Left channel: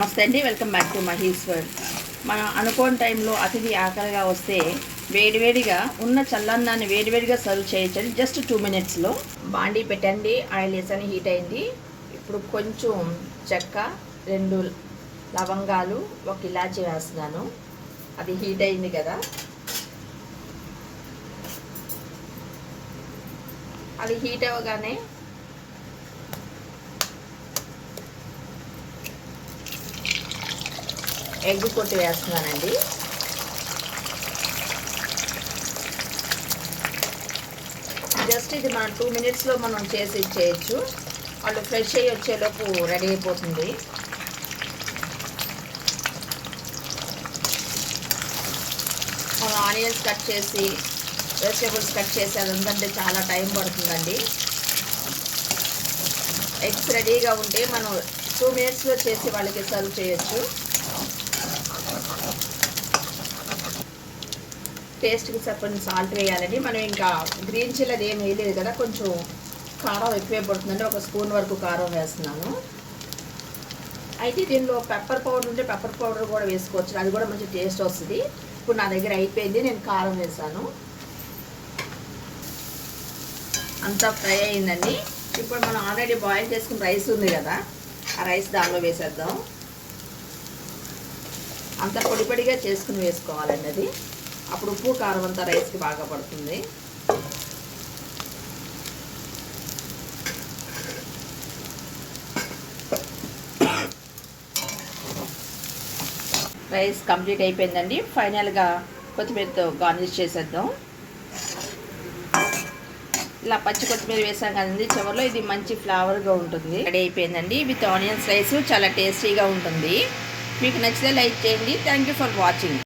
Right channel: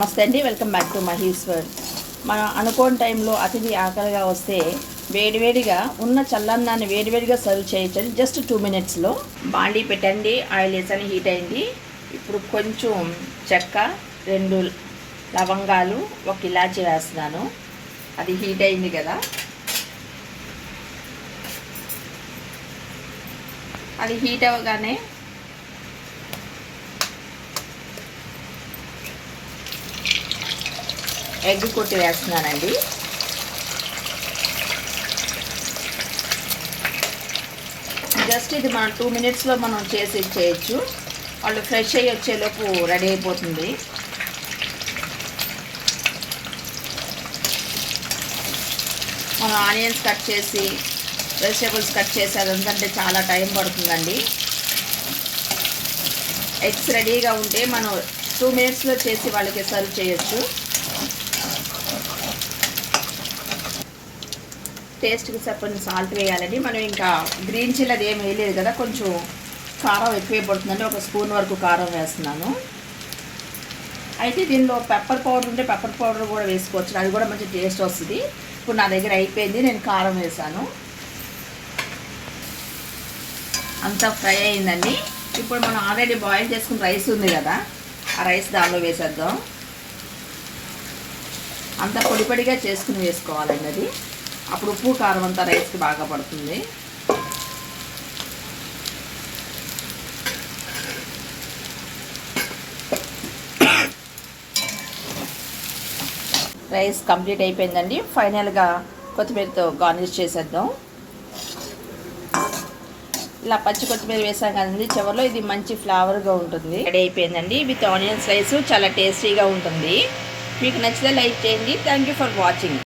నమస్తే అండి welcome back to Maheshwar మనం అనుకోని టైంలో అతిథి ఆకలిగా వస్తే వేడివేడిగా ఉన్న చల్లన్నాన్ని వేడివేడిగా సర్వ్ చేయొచ్చండి జస్ట్ టూ మినిట్స్లో బాండీ పెట్టండి ఆయిల్ వేసని హీట్ అయింది. ఇప్పుడు కొంచెం చెక్క రెండు లవంగాలు ఒక ఇలాచి వేస్తున్నాను. అది హీట్ అయింది కదా. అది హీట్ అవ్వగానే ఎగ్ కొట్టి వేస్తున్నానండి. జస్ట్ ఇది మనం టూ మినిట్స్లో మనం చేసి చేయొచ్చు వాళ్ళు ఫ్రెష్ అయ్యి వచ్చేలోపు రెడీ అయిపోతుంది. మనం ఆనియన్స్ కట్ చేసి వెజిటేబుల్స్ కట్ చేసి అది ఉందంటే చాలా టైం పడుతుందండి. ఎగ్స్ రెడీగా ఉంటే మనం టూ మినిట్స్లో చేసి వాళ్ళకి సర్వ్ చేయొచ్చు. టేస్ట్కి సరిపడిన సాల్ట్ వేయాలండి. మనం ఇంకా గ్రీన్ చిల్లీ అది ఏం వేయలేదు కదా కొంచెం కారం ఎక్కువే పడుతుందండి. ఒక స్పూన్ వరకు కారం వేస్తున్నాను. అయితే దీనిలో పెప్పర్ పౌడర్ ఉంటే పెప్పర్ పౌడర్ కూడా వేసుకోవచ్చు. అది కూడా మంచి టేస్ట్ వస్తుంది. ఇప్పుడు నా దగ్గర అయిపోయింది. నేను కారం వేసాను. అంతా ఫ్రై అయిందండి. ఇప్పుడు మనం ఆల్రెడీ బాయిల్ చేసుకున్న రైస్ ఉంది కదా ఆ రైస్ దానిలో వేసేద్దాం. అంతా పొడి పొడిగా చేసుకుని వేసుకోవాలండి అది. అప్పుడు ఉప్పు కారం అంతా రైస్కి బాగా పడుతుంది. రైస్ కంప్లీట్ అయిపోయిందండి. ఫైనల్గా కొత్తిమీరతో గార్నిష్ చేసేద్దాం. ఇలా పచ్చి కొత్తిమీర వేసాం కదండి. చివరిలో ఇది మంచి ఫ్లేవర్గా ఉంటుంది. రెడీ అయిపోయిందండి. విత్ ఆనియన్ స్లైస్ చాలా టేస్టీగా ఉంటుంది. మీకు నచ్చితే లైక్ చేయండి. Thank you for watching